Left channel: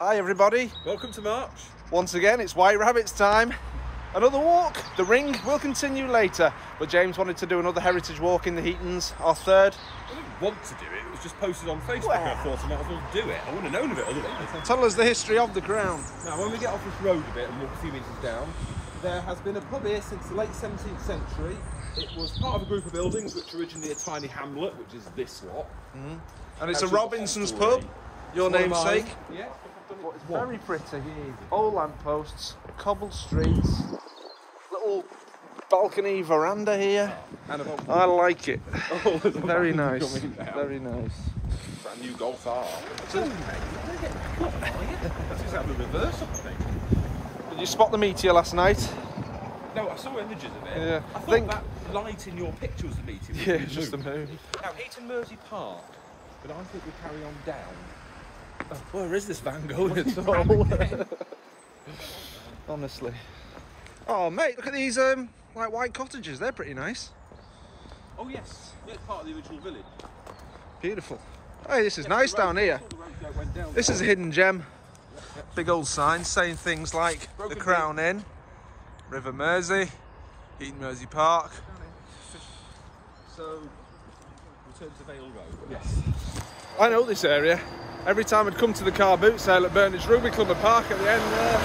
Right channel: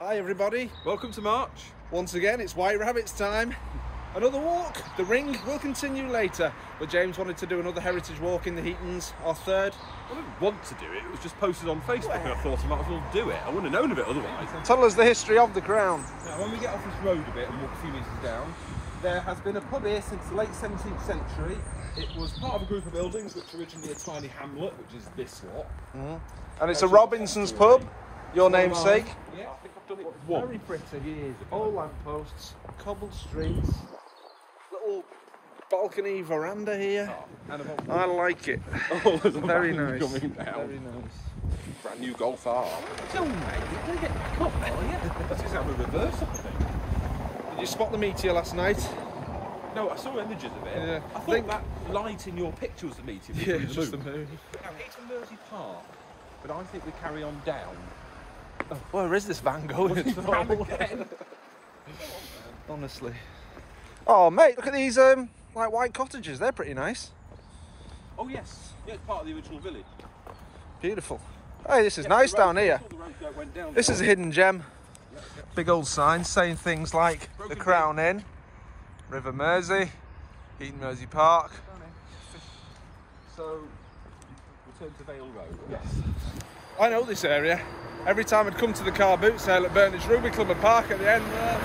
Hi everybody. Welcome to March. Once again, it's White Rabbit's time. Another walk. The ring will continue later, but James wanted to do another heritage walk in the Heatons, our third. I didn't want to do it, it was just posted on Facebook and I thought I might as well do it. I wouldn't have known of it otherwise. Tell us the history of the crown. Now, when we get off this road a bit and walk a few metres down, there has been a pub here since the late 17th century. It was part of a group of buildings which were originally a tiny hamlet, which is this lot. And it's a Robinson's pub, your namesake. Yeah. It's very pretty. Old lampposts, cobbled streets, little balcony veranda here. I like it. Very nice. Very nice. Brand new Golf R. So, mate, you can get the cup, are you? This is how we reverse up, I think. Did you spot the meteor last night? No, I saw images of it. Yeah. I thought that light in your picture was the meteor. Yeah, it's just the moon. Now, Heaton Mersey Park, but I think we carry on down. Where is this van going at all? Honestly. Oh, mate, look at these like white cottages. They're pretty nice. Oh yes, yeah, part of the original village. Beautiful. Hey, this is nice down here. This is a hidden gem. Big old sign saying things like the Crown Inn, River Mersey, Heaton Mersey Park. So, return to Vale Road. Yes. I know this area. Every time I'd come to the car boot sale at Burnage Rugby Club and Park at the end there.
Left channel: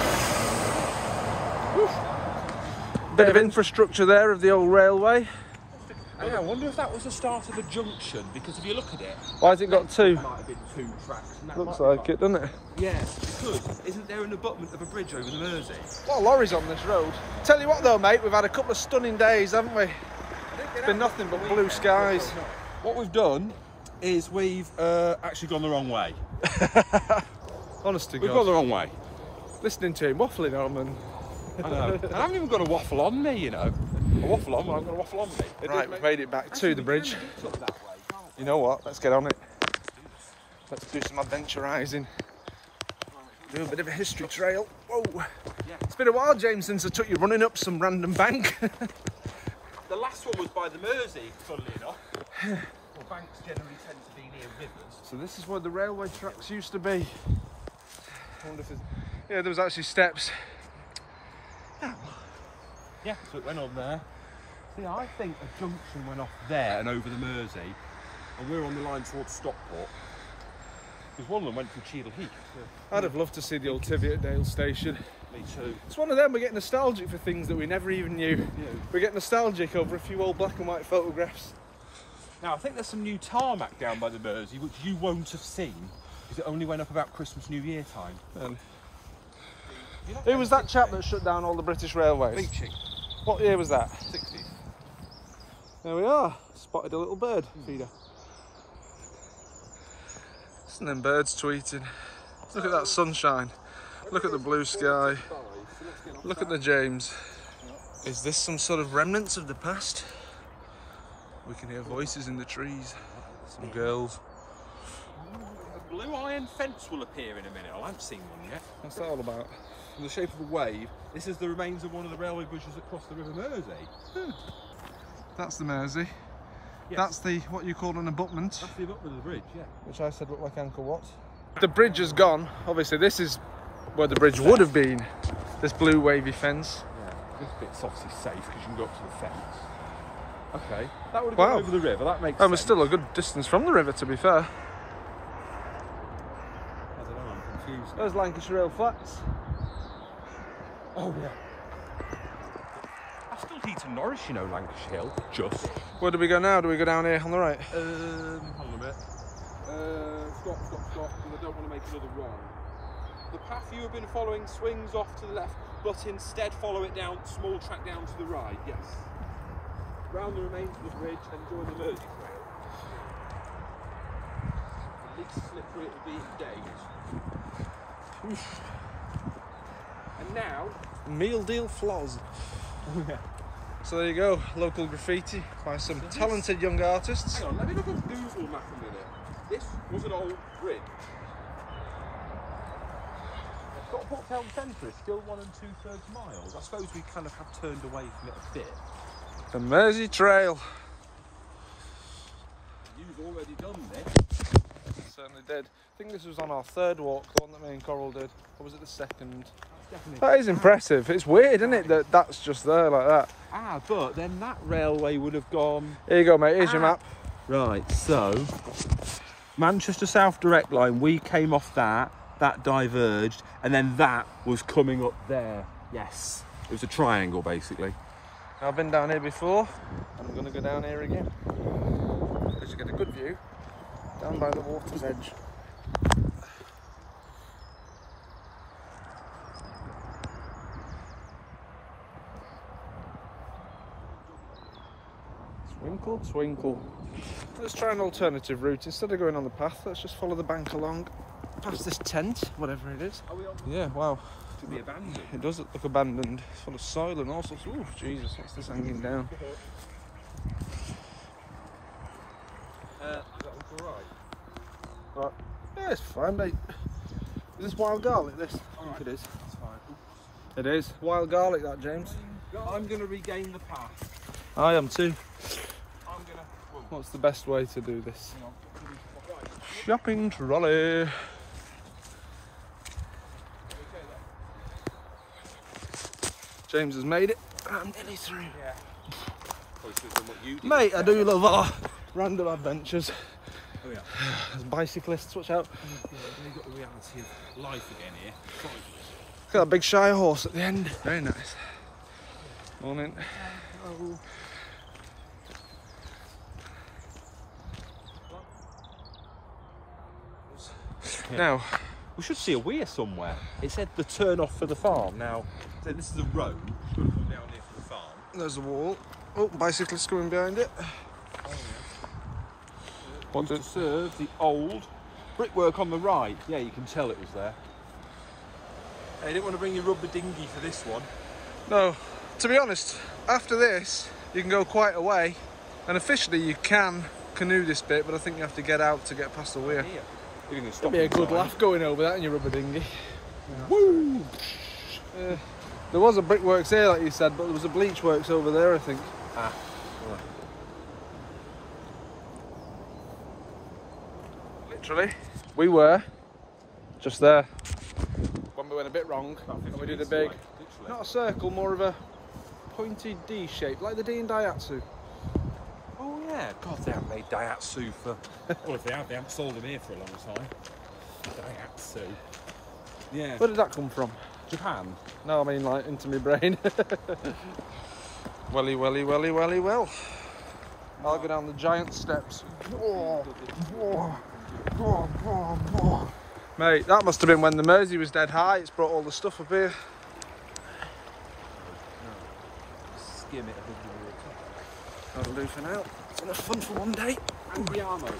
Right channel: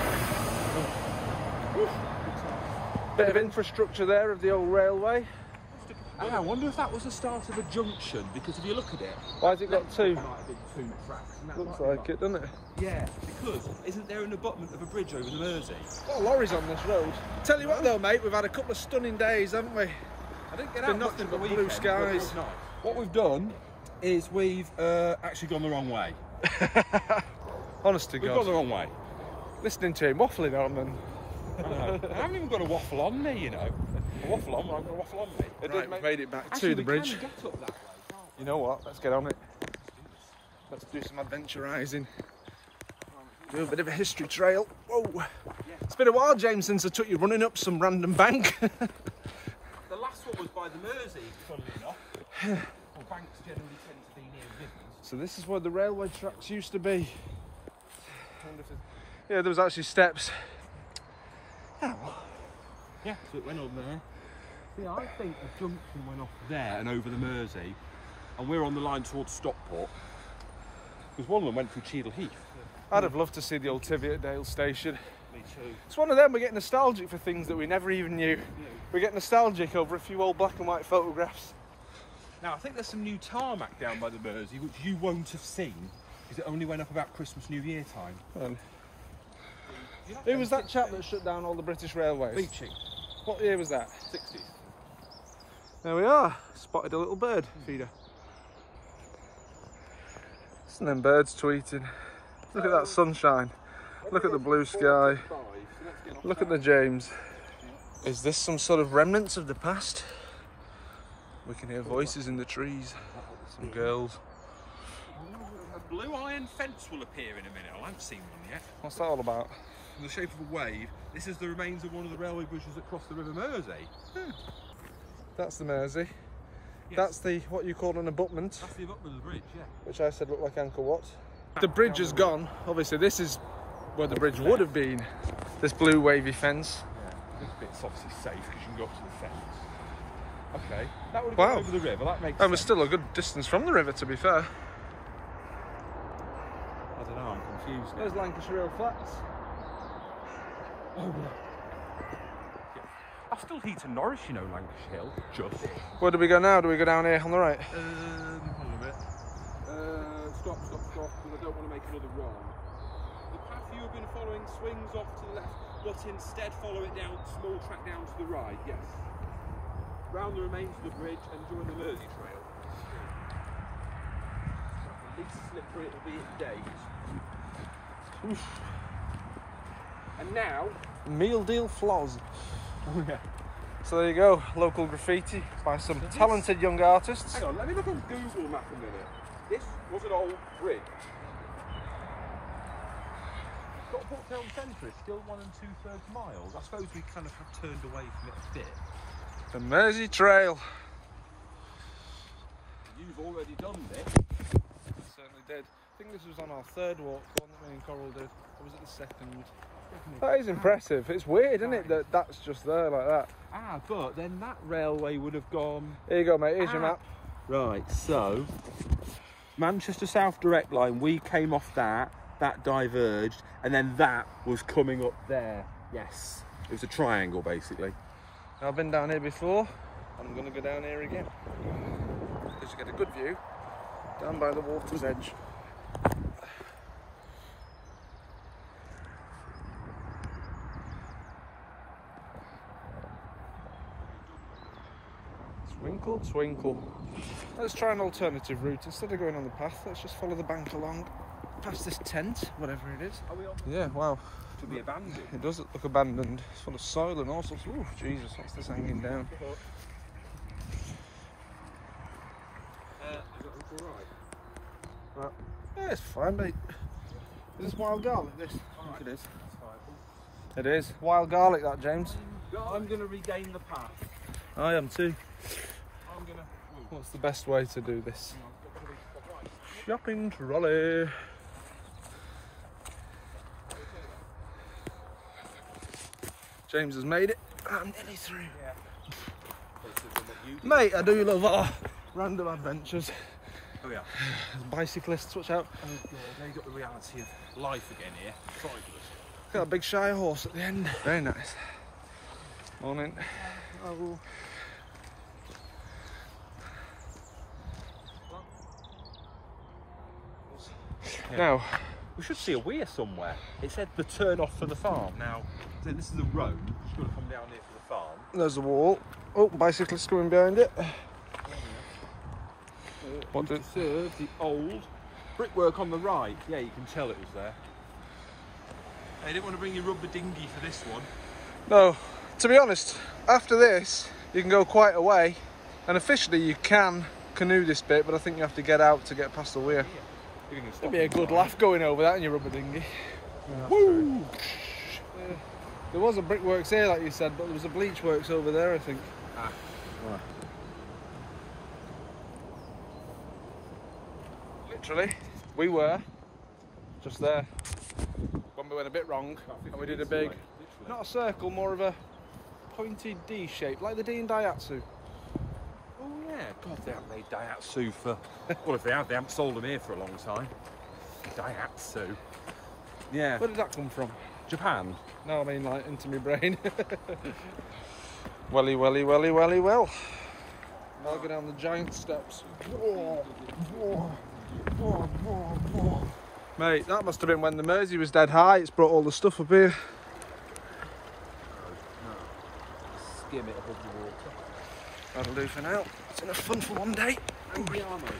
Bit of infrastructure there of the old railway. I wonder if that was the start of a junction, because if you look at it... Why has it got two? It might have been two tracks. Looks like it, doesn't it? Yeah, because isn't there an abutment of a bridge over the Mersey? Well, lorries on this road. Tell you what though, mate, we've had a couple of stunning days, haven't we? It's been nothing but blue skies. What we've done is we've actually gone the wrong way. Honest to God. We've gone the wrong way. Listening to him waffling on and... I know. I haven't even got a waffle on me, you know. A waffle on, but I've got a waffle on me. Right, we've made it back to the bridge. Get up that way, you know what? Let's get on it. Let's do some adventurising. Do a bit of a history trail. Whoa. Yeah. It's been a while, James, since I took you running up some random bank. The last one was by the Mersey, funnily enough. Well, banks generally tend to be near rivers. So this is where the railway tracks used to be. Yeah, there was actually steps. Oh. Yeah, so it went on there. See, I think a junction went off there and over the Mersey, and we're on the line towards Stockport. Because one of them went through Cheadle Heath. Yeah. I'd have loved to see the old Tiviotdale station. Me too. It's one of them, we get nostalgic for things that we never even knew. Yeah. We get nostalgic over a few old black and white photographs. Now, I think there's some new tarmac down by the Mersey, which you won't have seen, because it only went up about Christmas, New Year time. Who was that chap that shut down all the British railways? Beeching. What year was that? 60s. There we are. Spotted a little bird feeder. Listen to them birds tweeting. Look at that sunshine. Look at the blue sky. Look at the James. Is this some sort of remnants of the past? We can hear voices in the trees. Some girls. A blue iron fence will appear in a minute. I haven't seen one yet. What's that all about? In the shape of a wave. This is the remains of one of the railway bridges that crossed the River Mersey. That's the Mersey. Yeah. That's the, what you call an abutment. That's the abutment of the bridge, yeah. Which I said looked like Uncle What. The bridge is gone. Obviously this is where the bridge would have been. This blue wavy fence. This bit's obviously safe because you can go up to the fence. Okay. That would have Wow. gone over the river, that makes And sense. we're still a good distance from the river, to be fair. I don't know, I'm confused now. There's Lancashire Hill Flats. Oh yeah. I still Heaton Norris, you know, Lancashire Hill. Just. Where do we go now? Do we go down here on the right? Hold on a bit. Stop, because I don't want to make another wrong. The path you have been following swings off to the left, but instead follow it down, small track down to the right, yes. Round the remains of the bridge and join the Mersey Trail. The least slippery it will be in days. Oof. And now... Meal Deal Floz. Oh yeah. So there you go, local graffiti by some talented young artists. Hang on, let me look at Google Map a minute. This was an old bridge. Stockport Town Centre is still 1 2/3 miles. I suppose we kind of have turned away from it a bit. The Mersey Trail. You've already done this. Certainly did. think this was on our third walk, the one that me and Coral did. Or was it the second? That is impressive. It's weird, isn't it, that that's just there like that? Ah, but then that railway would have gone... Here you go, mate. Here's your map. Right, so... Manchester South Direct Line, we came off that diverged, and then that was coming up there. Yes. It was a triangle, basically. I've been down here before, and I'm going to go down here again. Because you get a good view down by the water's edge. Swinkle, swinkle. Let's try an alternative route. Instead of going on the path, let's just follow the bank along past this tent, whatever it is. Are we on? Yeah, wow. Abandoned. It does look abandoned. It's full of soil and all sorts. Ooh, Jesus, what's this hanging down? Is that alright? Right. Yeah, it's fine, mate. Is this wild garlic, this? I think it is. It is. Wild garlic, that, James. I'm going to regain the path. I am too. I'm going to... What's the best way to do this? Shopping trolley. James has made it. I'm nearly through. Yeah. Mate, I do love our random adventures. Oh yeah. Bicyclists, watch out. Oh God, they got the reality of life again here. Fabulous. Look at that big shy horse at the end. Very nice. Morning. Oh. Yeah. Now, we should see a weir somewhere. It said the turn off for the farm. Now, so this is a road. Should have come down here for the farm. there's the wall. Oh, bicyclists coming behind it. Oh, yeah. What to serve the old brickwork on the right. Yeah, you can tell it was there. I didn't want to bring your rubber dinghy for this one. No, to be honest, after this, you can go quite a way, and officially you can canoe this bit, but I think you have to get out to get past the weir. It'd be a good laugh going over that in your rubber dinghy. Woo! There was a brickworks here, like you said, but there was a bleach works over there, I think. Ah. Literally, we were just there when we went a bit wrong, and we did a big, not a circle, more of a pointy D shape, like the D in Daihatsu. Oh yeah, God, they haven't made Daihatsu for... well, if they haven't sold them here for a long time. Daihatsu. Yeah. Where did that come from? Japan. No, I mean like into my brain. Welly, welly, welly, welly, well. I'll go down the giant steps. Mate, that must have been when the Mersey was dead high. It's brought all the stuff up here. Skim it above the water. That'll do for now. It's enough fun for one day. And the armour.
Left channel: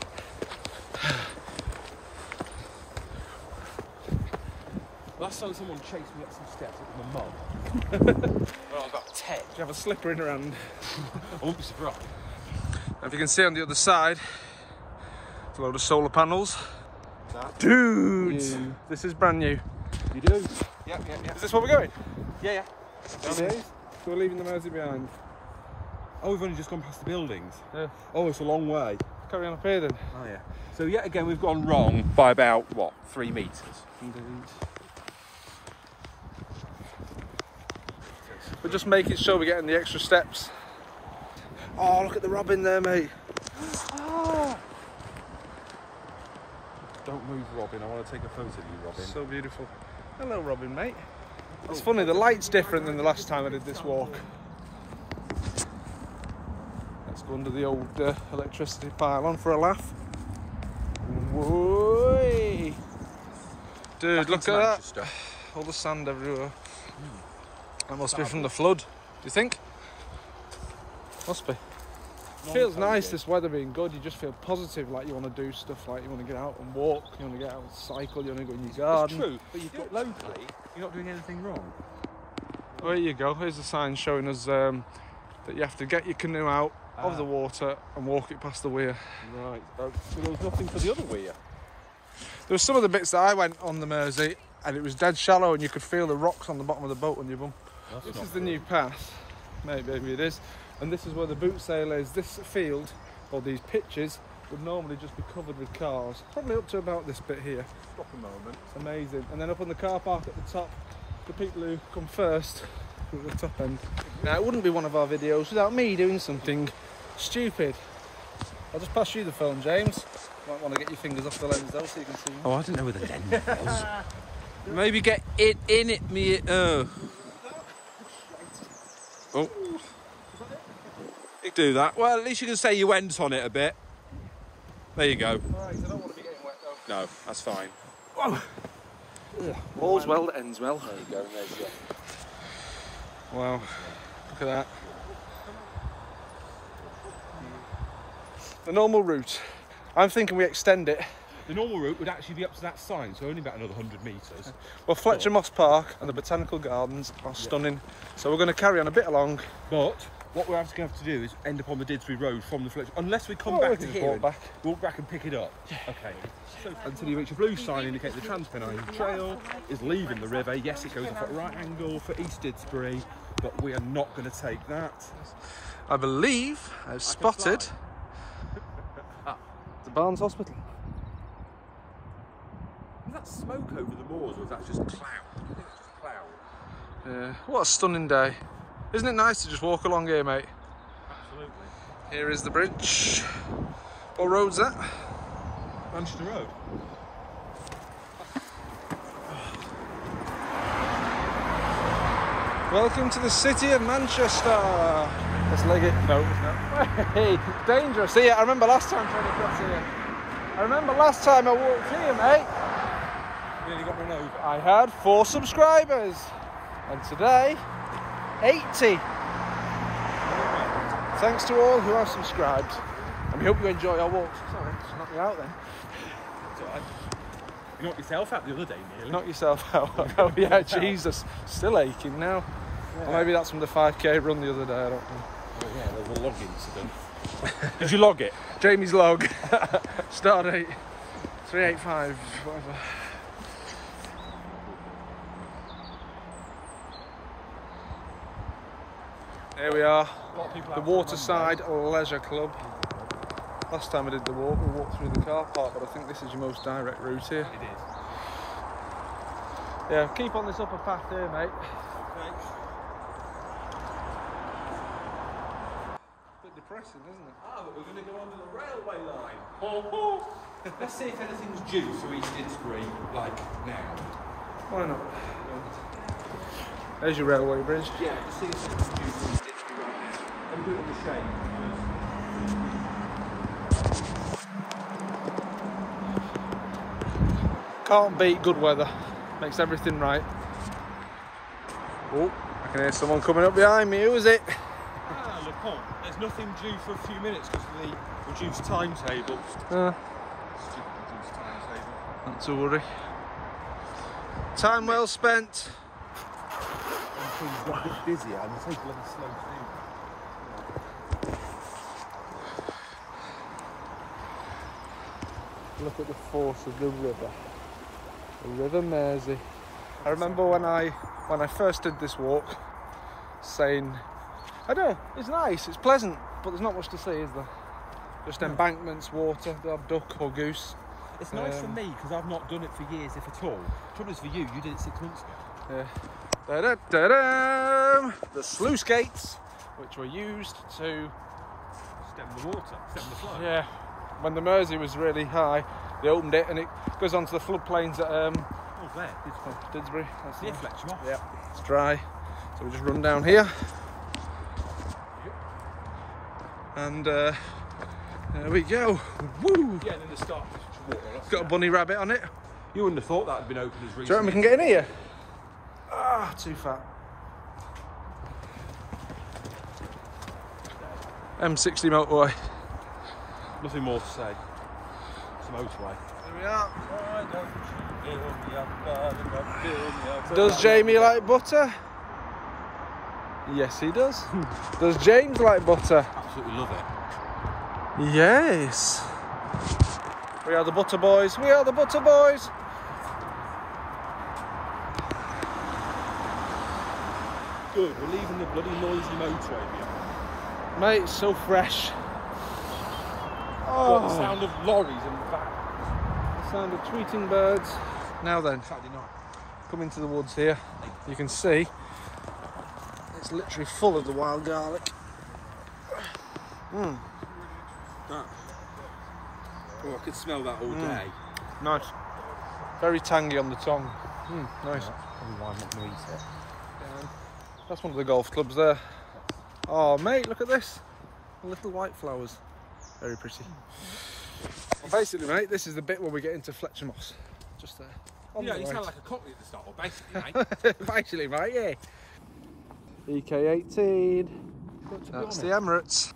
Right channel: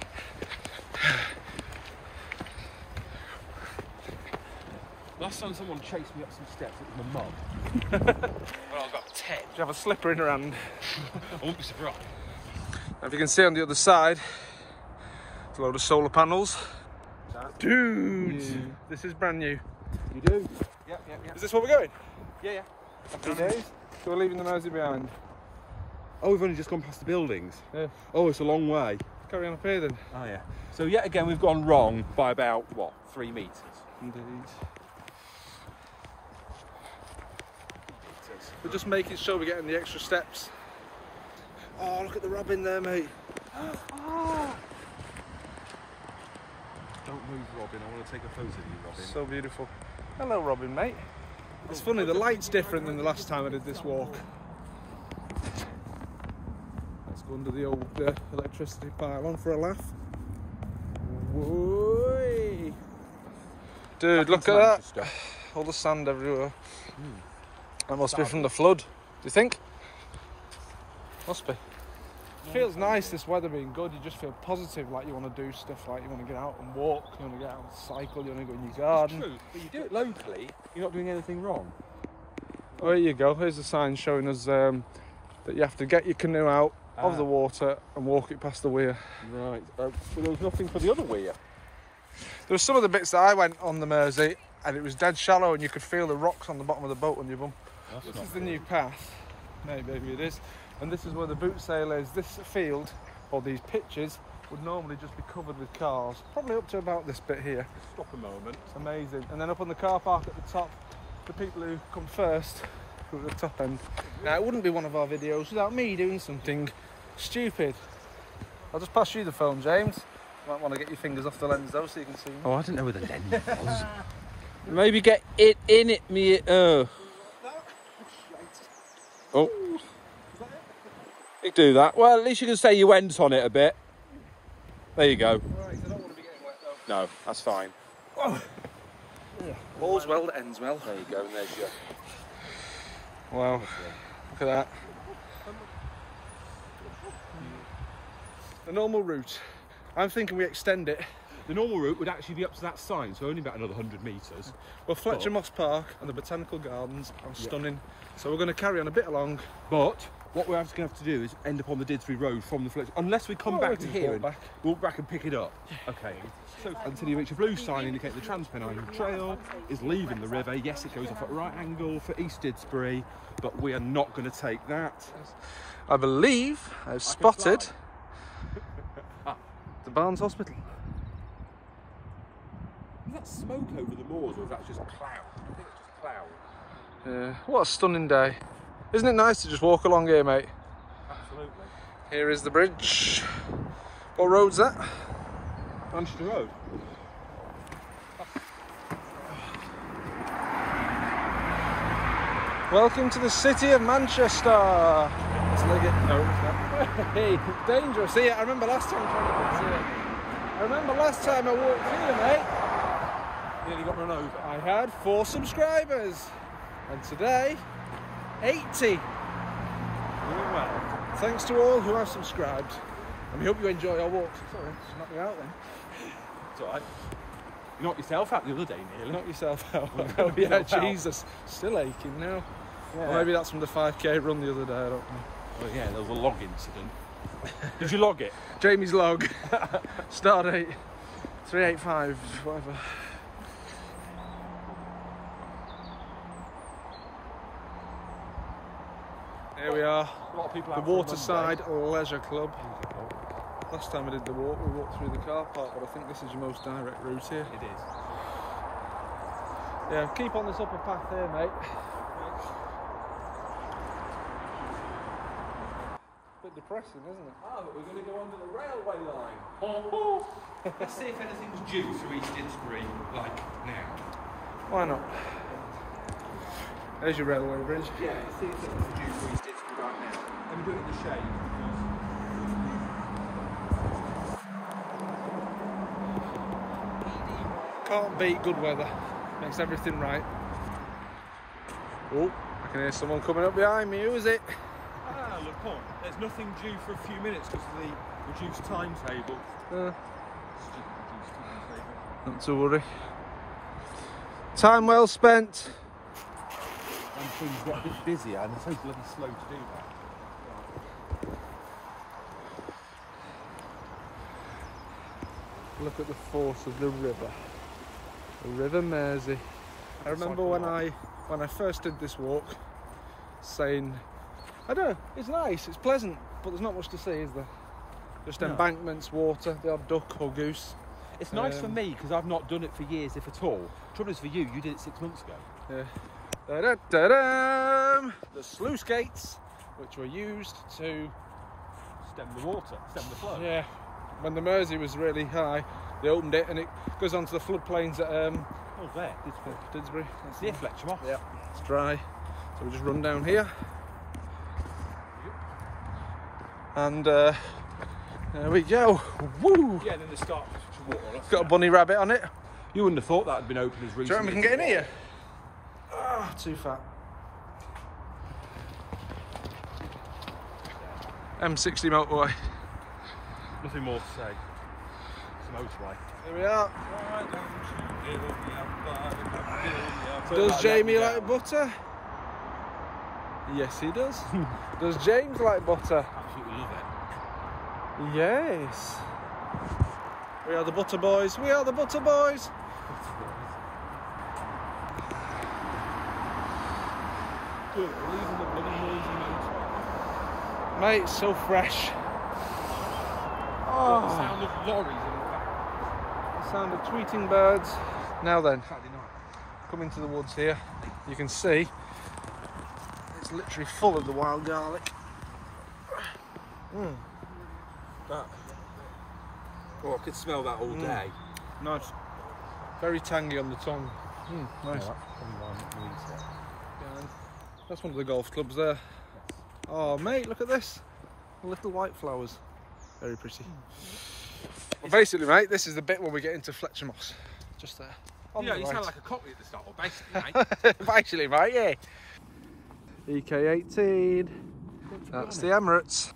Last time someone chased me up some steps, it was my mum. Well, I've got 10. Do you have a slipper in your hand? I won't be surprised. Now, if you can see on the other side, a load of solar panels. Dudes, this is brand new. You do? Yeah. Is this where we're going? Yeah. Happy days. So we're leaving the Mersey behind. Oh, we've only just gone past the buildings. Yeah. Oh, it's a long way. Carry on up here then. Oh, yeah. So, yet again, we've gone wrong by about, what, 3 metres? Indeed. We're just making sure we're getting the extra steps. Oh, look at the robin there, mate. Don't move, Robin. I want to take a photo of you, Robin. So beautiful. Hello, Robin, mate. It's funny, the light's different than the last time I did this walk. Let's go under the old electricity pylon for a laugh. Whoa! Dude, look at that. All the sand everywhere. That must be from the flood. Do you think? Must be. Feels nice, this weather being good. You just feel positive, like you want to do stuff, like you want to get out and walk, you want to get out and cycle, you want to go in your garden. It's true, but you do it locally, you're not doing anything wrong. There you go. Here's the sign showing us that you have to get your canoe out of the water and walk it past the weir. Right. So there's nothing for the other weir. There were some of the bits that I went on the Mersey, and it was dead shallow, and you could feel the rocks on the bottom of the boat on your bum. This is the new path. Maybe it is. And this is where the boot sale is. This field, or these pitches, would normally just be covered with cars, probably up to about this bit here. Stop a moment. It's amazing. And then up on the car park at the top, the people who come first, who are at the top end. Now, it wouldn't be one of our videos without me doing something stupid. I'll just pass you the phone, James. You might want to get your fingers off the lens though, so you can see. Oh, I didn't know where the lens was. Maybe get it in it, me. Oh. You do that. Well, at least you can say you went on it a bit. There you go. Right, so I don't want to be getting wet though. No, that's fine. Whoa. All's well that ends well. There you go. There's it. Wow. Look at that. The normal route. I'm thinking we extend it. The normal route would actually be up to that sign, so only about another 100 metres. Well, Fletcher Moss Park and the Botanical Gardens are stunning. So we're going to carry on a bit along. But what we're actually going to have to do is end up on the Didsbury Road from the Fletcher, unless we come back to here and walk back and pick it up. Okay. So until you reach a blue sign indicating the Transpennine Trail is leaving the river. Yes, it goes off at a right angle for East Didsbury, but we are not going to take that. I believe I've spotted the Barnes Hospital. Is that smoke over the moors, or is that just cloud? I think it's just cloud. Yeah, what a stunning day. Isn't it nice to just walk along here, mate? Absolutely. Here is the bridge. What road's that? Manchester Road. Welcome to the city of Manchester. Let's leg it. No, it's not. Hey, it's dangerous. See, I remember last time trying to cross here. I remember last time I walked here, mate. You nearly got run over. I had 4 subscribers. And today, 80. Thanks to all who have subscribed. And we hope you enjoy our walk. Sorry, just knocked me out then. It's alright. You knocked yourself out the other day, nearly. Knock yourself out. Oh yeah, Jesus. Still aching now. Yeah. Or maybe that's from the 5k run the other day, I don't know. Oh yeah, there was a log incident. Did you log it? Jamie's log. Start date 385, whatever. Here we are, the Waterside Leisure Club. Last time I did the walk, we walked through the car park, but I think this is your most direct route here. It is. Yeah, keep on this upper path here, mate. Okay. Bit depressing, isn't it? Oh, but we're going to go under the railway line. Let's see if anything's due to East Didsbury, like now. Why not? There's your railway bridge. Yeah, let's see if anything's due to East Didsbury right now. Let me do it in the shade because... Can't beat good weather. Makes everything right. Oh, I can hear someone coming up behind me. Who is it? Ah, Le Pont. There's nothing due for a few minutes because of the reduced timetable. Reduced timetable. Not to worry. Time well spent. And things got a bit busier and it's people are slow to do that. Look at the force of the river. The River Mersey. I remember when I first did this walk, saying, I don't know, it's nice, it's pleasant, but there's not much to see, is there? Just embankments, water, the odd duck or goose. It's nice for me because I've not done it for years, if at all. Trouble is for you, you did it 6 months ago. Yeah. Da-da-da-da! The sluice gates, which were used to Stem the water, stem the flow. yeah. When the Mersey was really high, they opened it and it goes onto the floodplains at oh, there, Didsbury. That's near nice. Fletcher Moss. Yeah, it's dry. So we just run down here. Yep. And there we go. Woo! Yeah, and then the start. It's got a bunny rabbit on it. You wouldn't have thought that had been open as recently. Do you reckon we can get in here? Ah, too fat. M60 motorway. Nothing more to say. It's a motorway. Here we are. Does Jamie like butter? Yes, he does. Does James like butter? Absolutely love it. Yes. We are the butter boys. We are the butter boys. Good, we're leaving the bloody noisy motorway. Mate, it's so fresh. Oh. The sound of lorries and vans. The sound of tweeting birds. Now then, Saturday night. come into the woods here. You can see it's literally full of the wild garlic. That. Oh, I could smell that all day. Nice. Very tangy on the tongue. Nice. Oh, that's probably why I'm not going to eat it. Yeah, that's one of the golf clubs there. Oh, mate, look at this. Little white flowers. Very pretty. Basically, mate, this is the bit where we get into Fletcher Moss. Just there. You sound like a cockney at the start, basically, mate. Basically, mate, yeah. EK18. That's the Emirates.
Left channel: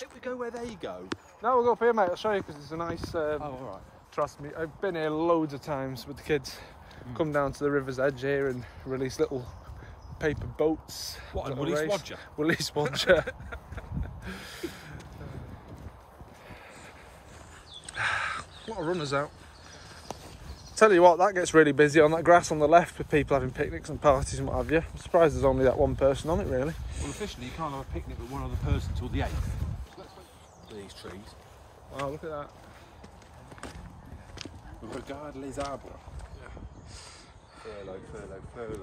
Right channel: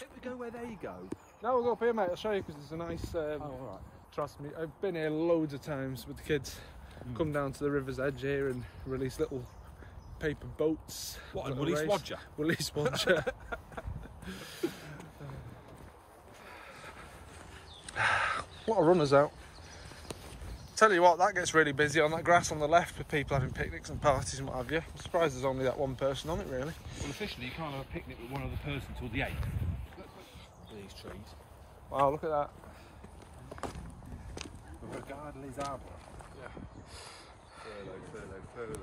If we go where they go. No, we'll go up here, mate. I'll show you because it's a nice. Oh, all right. Trust me, I've been here loads of times with the kids. Come down to the river's edge here and release little paper boats. What, and Willie Swadger? Willie Swadger. A lot of runners out. Tell you what, that gets really busy on that grass on the left with people having picnics and parties and what have you. I'm surprised there's only that one person on it, really. Well, officially, you can't have a picnic with one other person till the 8th. For these trees. Wow, look at that. Regardless arbor. Yeah. Furlough.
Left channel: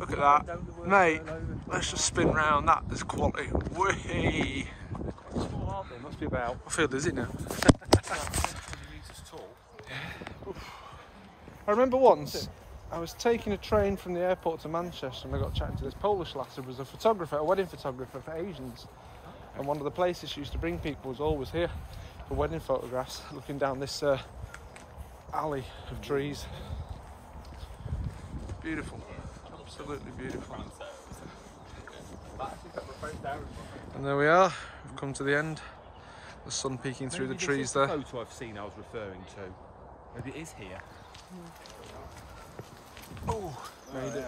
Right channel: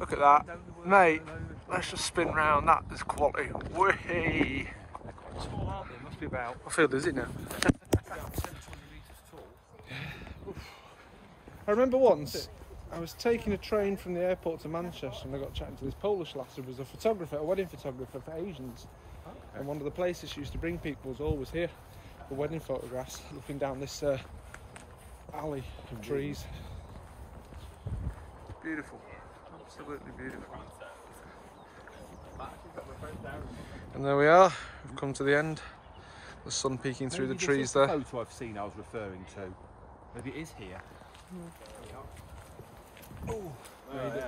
Look at that. Mate, let's just spin round. That is quality. Whee! Small arbor, must be about. I feel dizzy now. 10, 20 metres tall. I remember once I was taking a train from the airport to Manchester and I got chatting to this Polish lass who was a photographer, a wedding photographer for Asians. Okay. And one of the places she used to bring people was always here for wedding photographs, looking down this alley of trees. Beautiful, absolutely beautiful. And there we are, we've come to the end. The sun peeking through the trees there. The photo I've seen I was referring to. Maybe it is here. Oh, made it.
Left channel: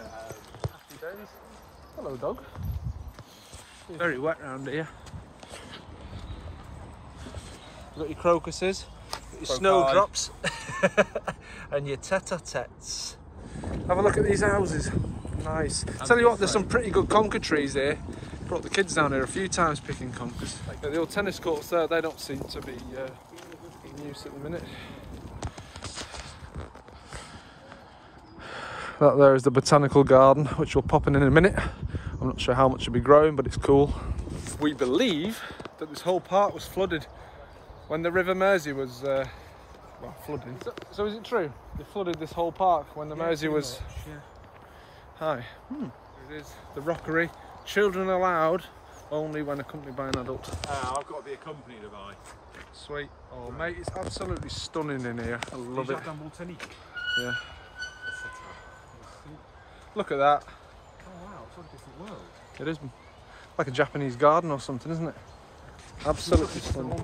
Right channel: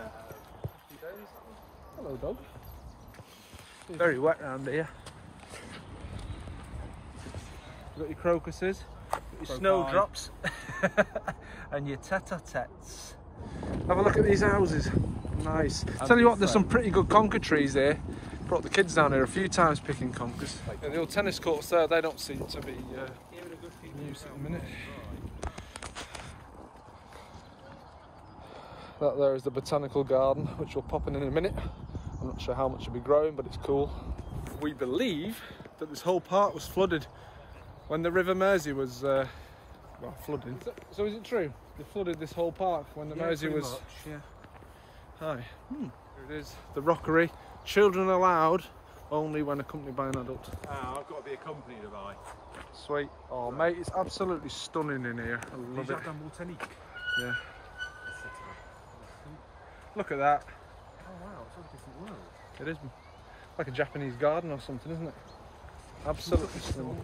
Hello, dog. Very wet round here. You've got your crocuses, got your snowdrops, and your tete-a-tetes. Have a look at these houses. Nice. Tell you what, there's some pretty good conker trees here. Brought the kids down here a few times picking conkers. Yeah, the old tennis courts there, they don't seem to be in use at the minute. That there is the botanical garden, which we'll pop in a minute. I'm not sure how much will be growing, but it's cool. We believe that this whole park was flooded when the River Mersey was, well, flooding. So is it true? They flooded this whole park when the Mersey was... Much, yeah. Hi. Here it is, the rockery. Children allowed, only when accompanied by an adult. I've got to be accompanied by. Sweet. Oh, mate, it's absolutely stunning in here. I love it. Yeah. Look at that. Oh wow, it's like a different world. It is like a Japanese garden or something, isn't it? Absolutely stunning.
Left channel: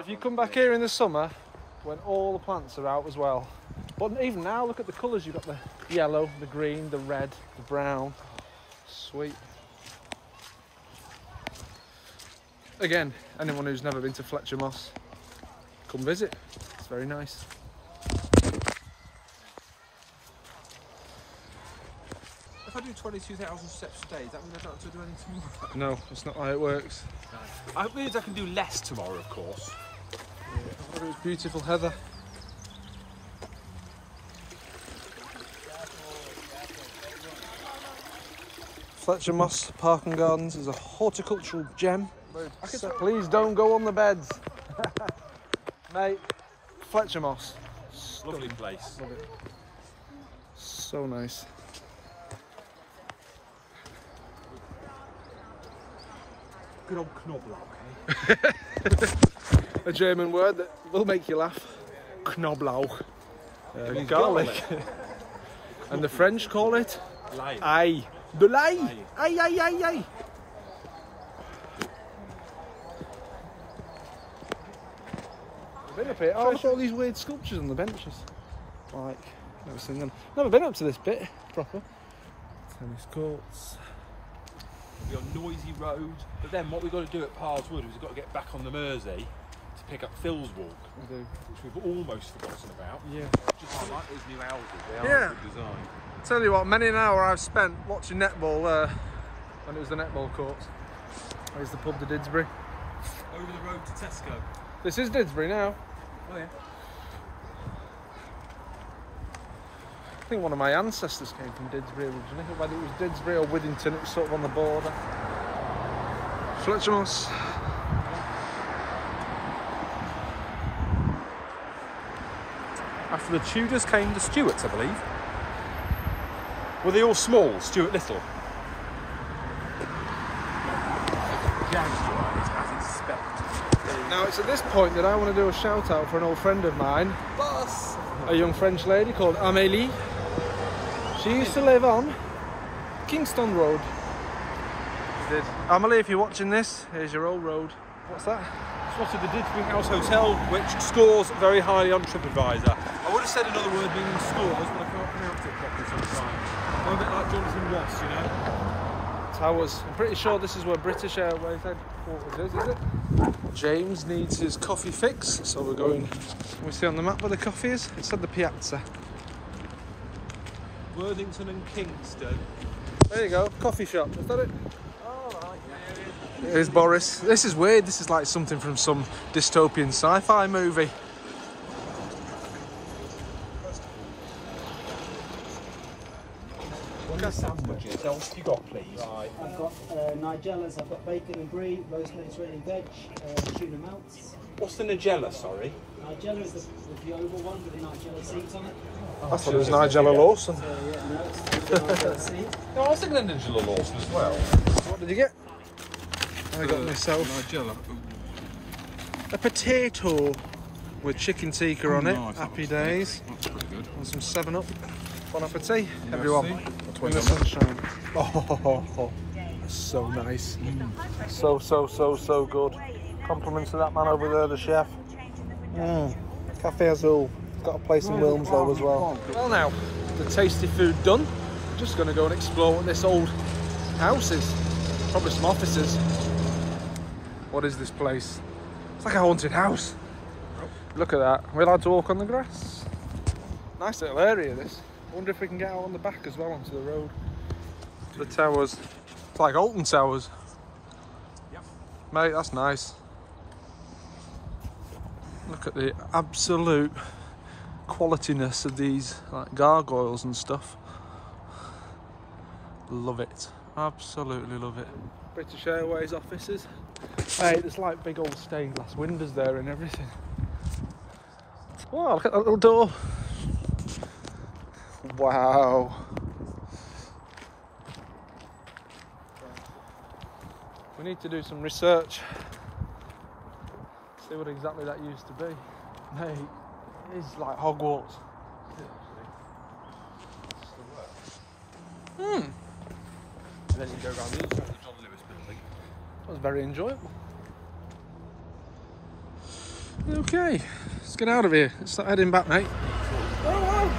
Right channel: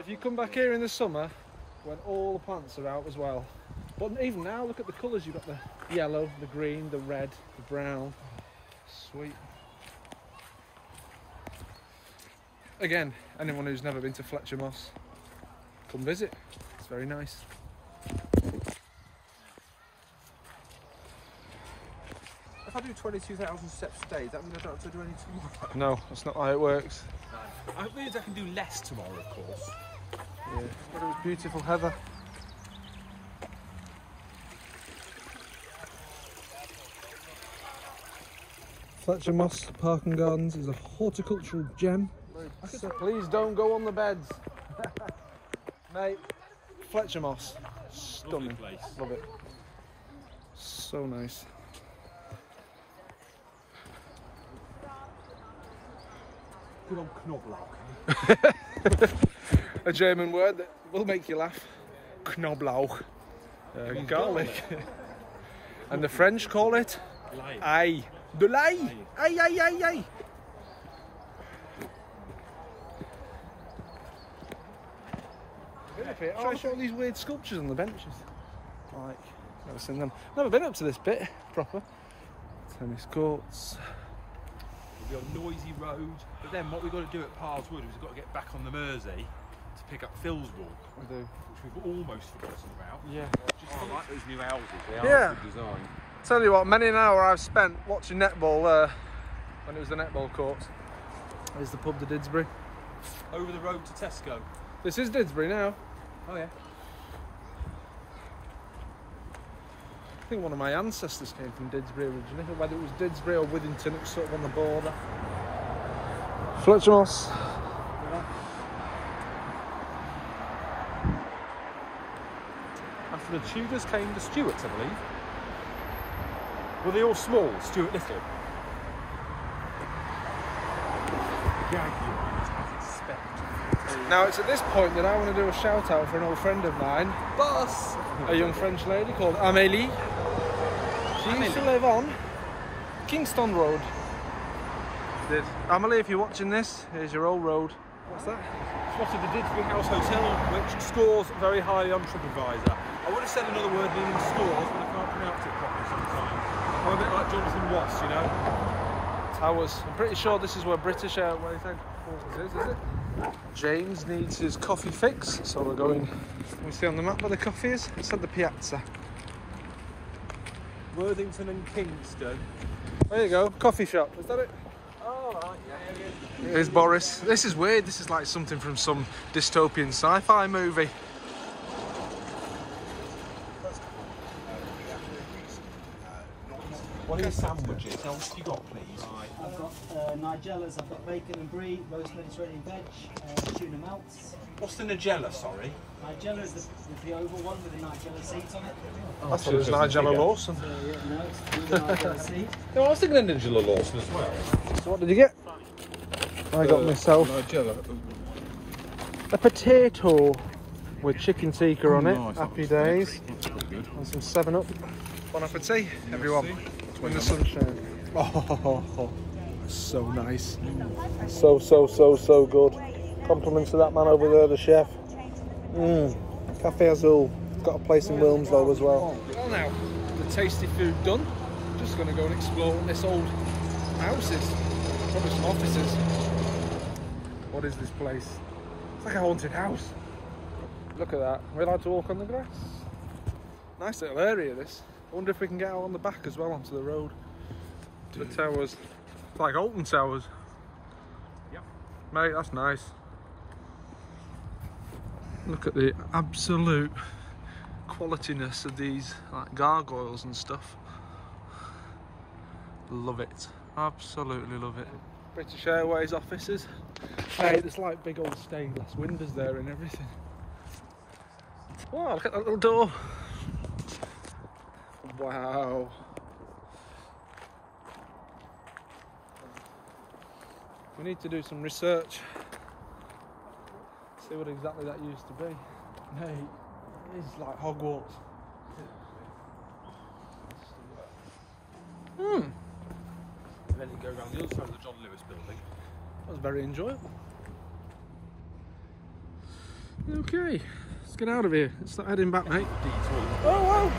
If you come back here in the summer, when all the plants are out as well. But even now, look at the colours. You've got the yellow, the green, the red, the brown. Sweet. Again, anyone who's never been to Fletcher Moss, come visit. It's very nice. If I do 22,000 steps a day, that means I don't have to do anything tomorrow? No, that's not how it works. No. It means I can do less tomorrow, of course. Yeah. Look at this beautiful heather. Fletcher Moss Park and Gardens is a horticultural gem. So please don't go on the beds. Mate, Fletcher Moss. Stunning. Lovely place. Love it. So nice. Good old Knoblauch, eh? A German word that will make you laugh. Knoblauch. Garlic. And the French call it ail. De l'ail. Aye, aye, aye, aye. Oh, look at all these weird sculptures on the benches. Like, never seen them. Never been up to this bit proper. Tennis courts. We'll be on Noisy Road, but then what we've got to do at Parles Wood is we've got to get back on the Mersey to pick up Phil's Walk. We do. Which we've almost forgotten about. Yeah. Just I like those new houses. Yeah. Tell you what, many an hour I've spent watching netball when it was the netball courts. There's the pub to Didsbury. Over the road to Tesco. This is Didsbury now. Oh yeah. I think one of my ancestors came from Didsbury originally, or whether it was Didsbury or Withington, it was sort of on the border. Fletcher Moss. After the Tudors came the Stuarts, I believe. Were they all small, Stuart Little? Now it's at this point that I want to do a shout out for an old friend of mine. Boss! A young French lady called Amélie. She used to live on Kingston Road. She did. Amélie, if you're watching this, here's your old road. What's that? Spotted the Didsbury House Hotel, which scores very highly on TripAdvisor. I would have said another word meaning stores, but I can't pronounce it properly sometimes. I'm a bit like Jonathan Ross, you know? Towers. I'm pretty sure this is where British Airways headquarters is it? James needs his coffee fix, so we're going... Can we see on the map where the coffee is? It's at the Piazza. Worthington and Kingston. There you go, coffee shop, is that it? Here's Boris. This is weird, this is like something from some dystopian sci-fi movie. What are the sandwiches? What you got, please? Right. I've got Nigellas, I've got bacon and brie, roast Mediterranean veg, tuna melts. What's the Nigella, sorry? Nigella is the oval one with the Nigella seeds on it. I thought it was Nigella Lawson. So yeah, no, it's the Nigella seed. No, I was thinking of Nigella Lawson as well. So what did you get? I got myself Nigella. a potato with chicken tikka on it. Nice, Happy days. That's pretty good. And some 7-Up. Bon appetit, everyone. In the sunshine. Oh, that's so nice. So good. Compliments to that man over there, the chef. Cafe Azul. Got a place in Wilmslow as well. Well now, the tasty food done. Just going to go and explore what this old house is. Probably some offices. What is this place? It's like a haunted house. Look at that. We're allowed to walk on the grass. Nice little area this. I wonder if we can get out on the back as well onto the road. The towers. It's like Alton Towers. Yep. Mate, that's nice. Look at the absolute qualityness of these like gargoyles and stuff. Love it. Absolutely love it. British Airways offices. Hey, there's like big old stained glass windows there and everything. Wow, look at that little door. Wow. We need to do some research. See what exactly that used to be. Mate, it's like Hogwarts. And then you go around the other side of the John Lewis building. That was very enjoyable. Okay, let's get out of here. Let's start heading back, mate. Oh, wow.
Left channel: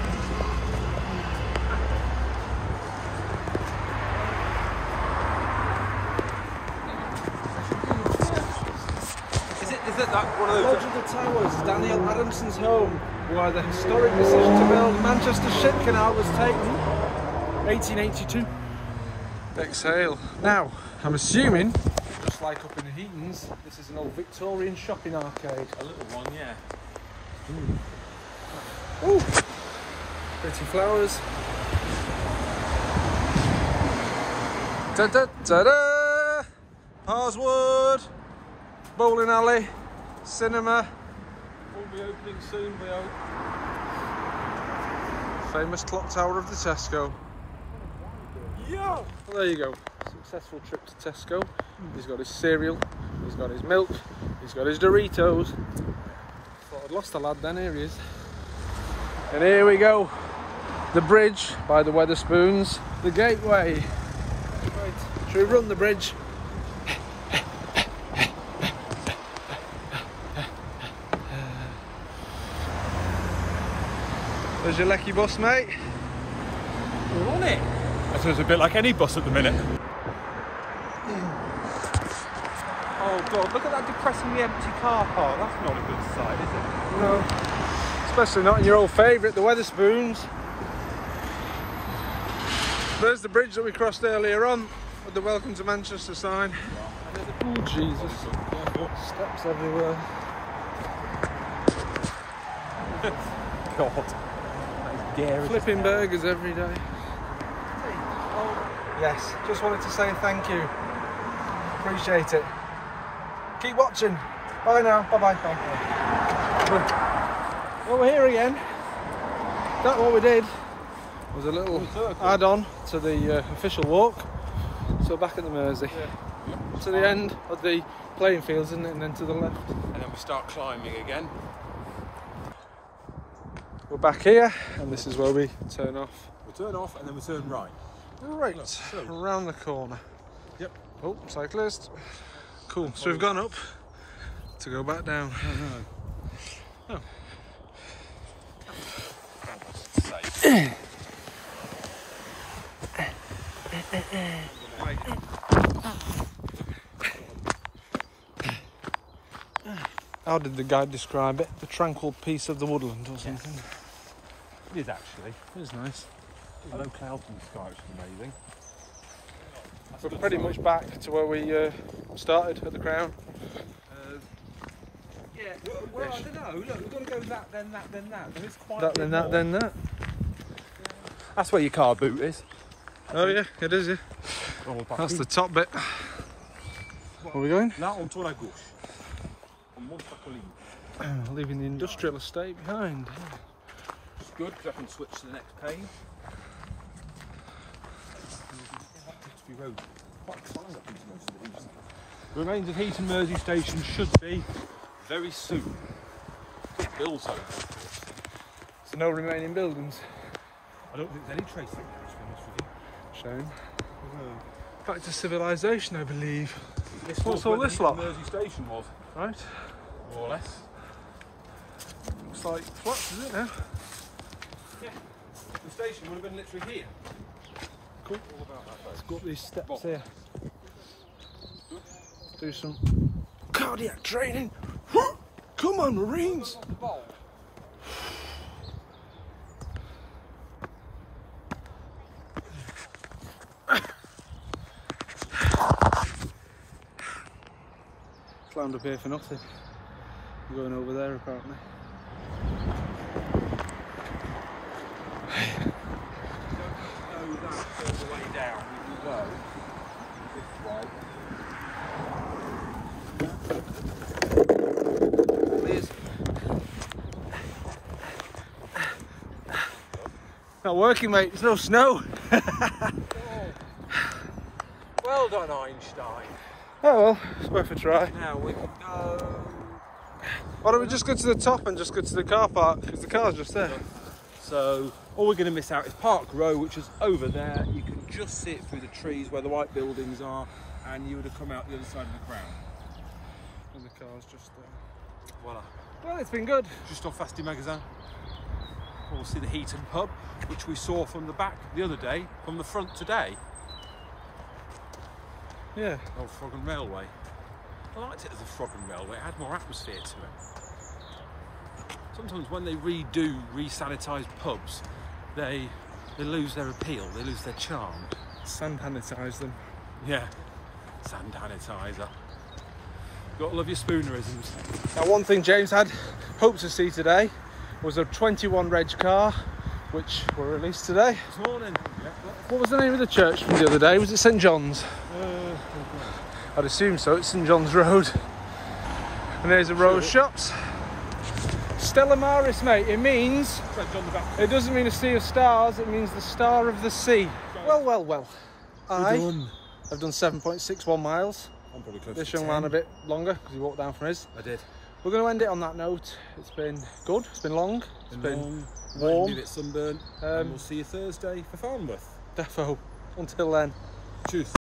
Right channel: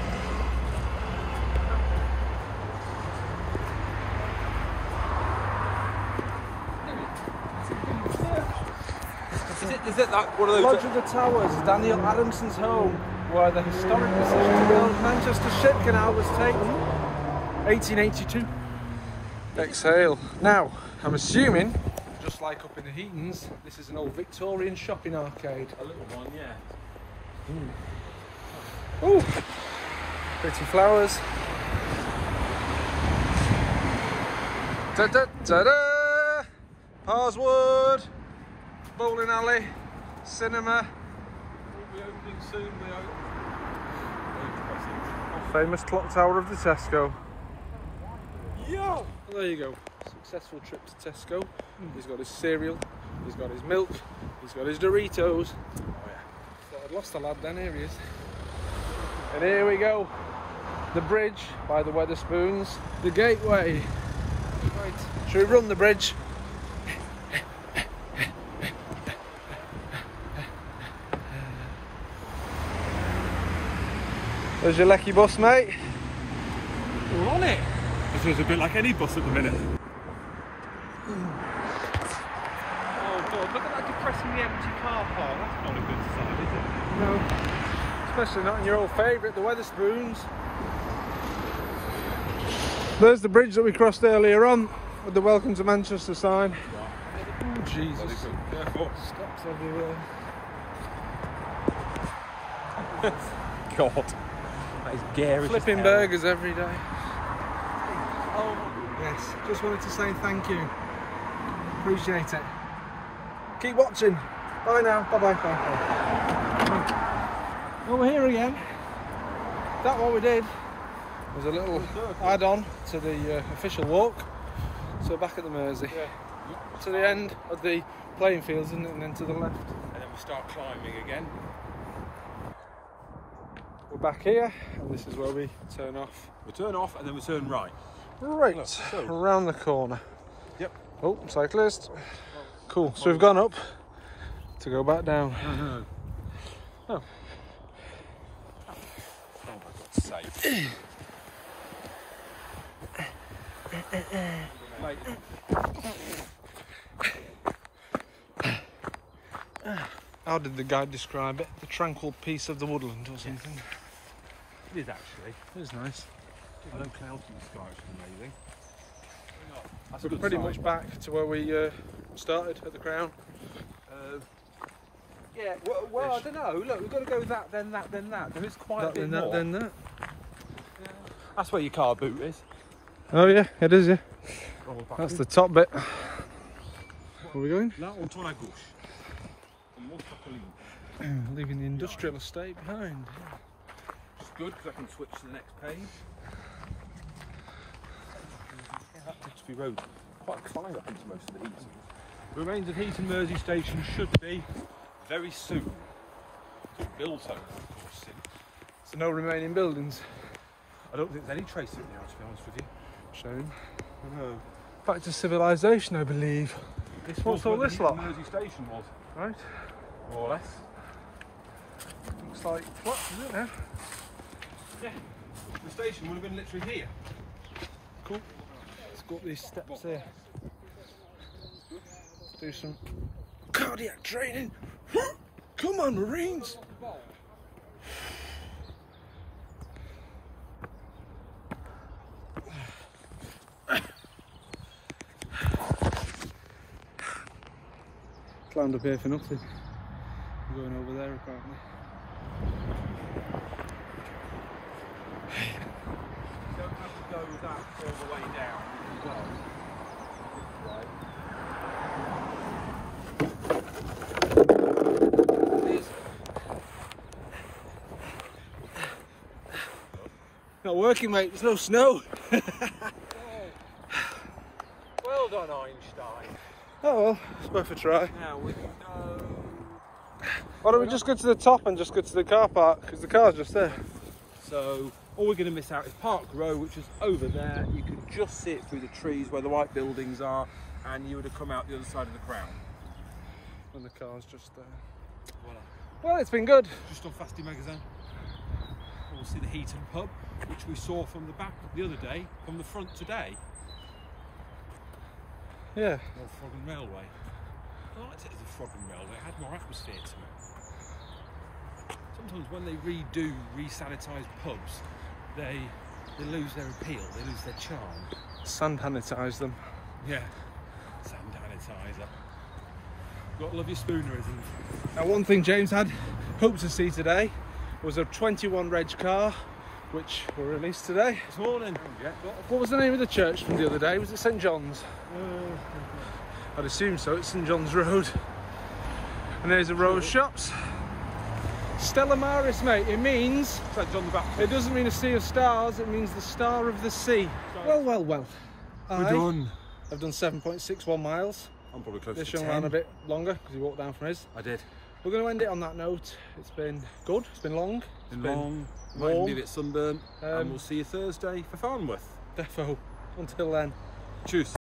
Is it that one of those? Lodge of the Towers, Daniel Adamson's home, where the historic decision to build Manchester Ship Canal was taken, 1882. Exhale. Now, I'm assuming, just like up in the Heatons, this is an old Victorian shopping arcade. A little one, yeah. Ooh, pretty flowers. Da da da da! Parswood, bowling alley, cinema. Will be opening soon, though. Famous clock tower of the Tesco. Yo! Well, there you go. Successful trip to Tesco. He's got his cereal, he's got his milk, he's got his Doritos. Thought I'd lost a lad then, here he is. And here we go. The bridge by the Wetherspoons. The gateway. Right, should we run the bridge? There's your Lecky bus, mate. All on it. That feels a bit like any bus at the minute. Oh God, look at that depressingly empty car park. That's not a good sight, is it? No, especially not in your old favourite, the Wetherspoons. There's the bridge that we crossed earlier on with the Welcome to Manchester sign. Oh Jesus, steps everywhere. God. It's garish. Flipping burgers every day. Yes, just wanted to say thank you. Appreciate it. Keep watching. Bye now. Bye bye. Bye. Well, we're here again. That what we did was a little add-on to the official walk. So we're back at the Mersey. Yeah. To the end of the playing fields, isn't it? And then to the left. And then we start climbing again. We're back here, and this is where we turn off. We turn off and then we turn right. Right, around the corner. Yep. Oh, cyclist. Cool. So we've gone up to go back down. No. Oh. How did the guide describe it? The tranquil peace of the woodland or something? It is actually. It is nice. There's no clouds in the sky, which is amazing. We're pretty much back to where we started at the Crown. Yeah, well I don't know. Look, we've got to go that, then that, then that. There is quite That, a bit then that, more. then that. That's where your car boot is. Oh yeah, it is, yeah. That's the top bit. Where are we going? Now on tour à gauche. On monte à colline. Leaving the industrial estate behind. It's good because I can switch to the next page. Road. Quite exciting, I think, to most of the Heatons. The remains of Heaton Mersey station should be very soon. Big bills over, of course. So no remaining buildings. I don't think there's any trace of it now, to be honest with you. Shame. No. Back to civilization, I believe. This What's was all where this the lot? Heaton Mersey station was, Right. more or less. Looks like flats, is it now? Yeah. The station would have been literally here. Cool. Let's go up these steps here. Do some cardiac training. Come on, Marines! The bowl. Climbed up here for nothing. I'm going over there apparently. You don't have to go all the way down. You can go this way. Not working, mate. There's no snow. Well done, Einstein. Oh well, it's worth a try. Now we can go. Why don't we just go to the top and just go to the car park? Because the car's just there. So all we're going to miss out is Park Row, which is over there. You can just see it through the trees where the white buildings are, and you would have come out the other side of the Crown. And the car's just there. Voila. Well, it's been good. Just off Fasti Magazine. We'll see the Heaton pub, which we saw from the back the other day, from the front today. Yeah. Old Frog and Railway. I liked it as a Frog and Railway. It had more atmosphere to it. Sometimes when they re-sanitise pubs, they lose their appeal, they lose their charm. Sand sanitise them. Yeah, sand sanitizer. Got to love your spoonerisms. Now, one thing James had hoped to see today was a 21 reg car, which were released today. This morning. Yeah. What was the name of the church from the other day? Was it St John's? I'd assume so. It's St John's Road. And there's a row of shops. Stella Maris, mate. It means, it doesn't mean a sea of stars, it means the star of the sea. Well, well, well. We're done. I've done 7.61 miles. I'm probably close This to young 10. man a bit longer because he walked down from his. I did. We're going to end it on that note. It's been good. It's been long. Been long. warm. Might be a bit sunburnt. And we'll see you Thursday for Farnworth. Defo. Until then. Tschüss.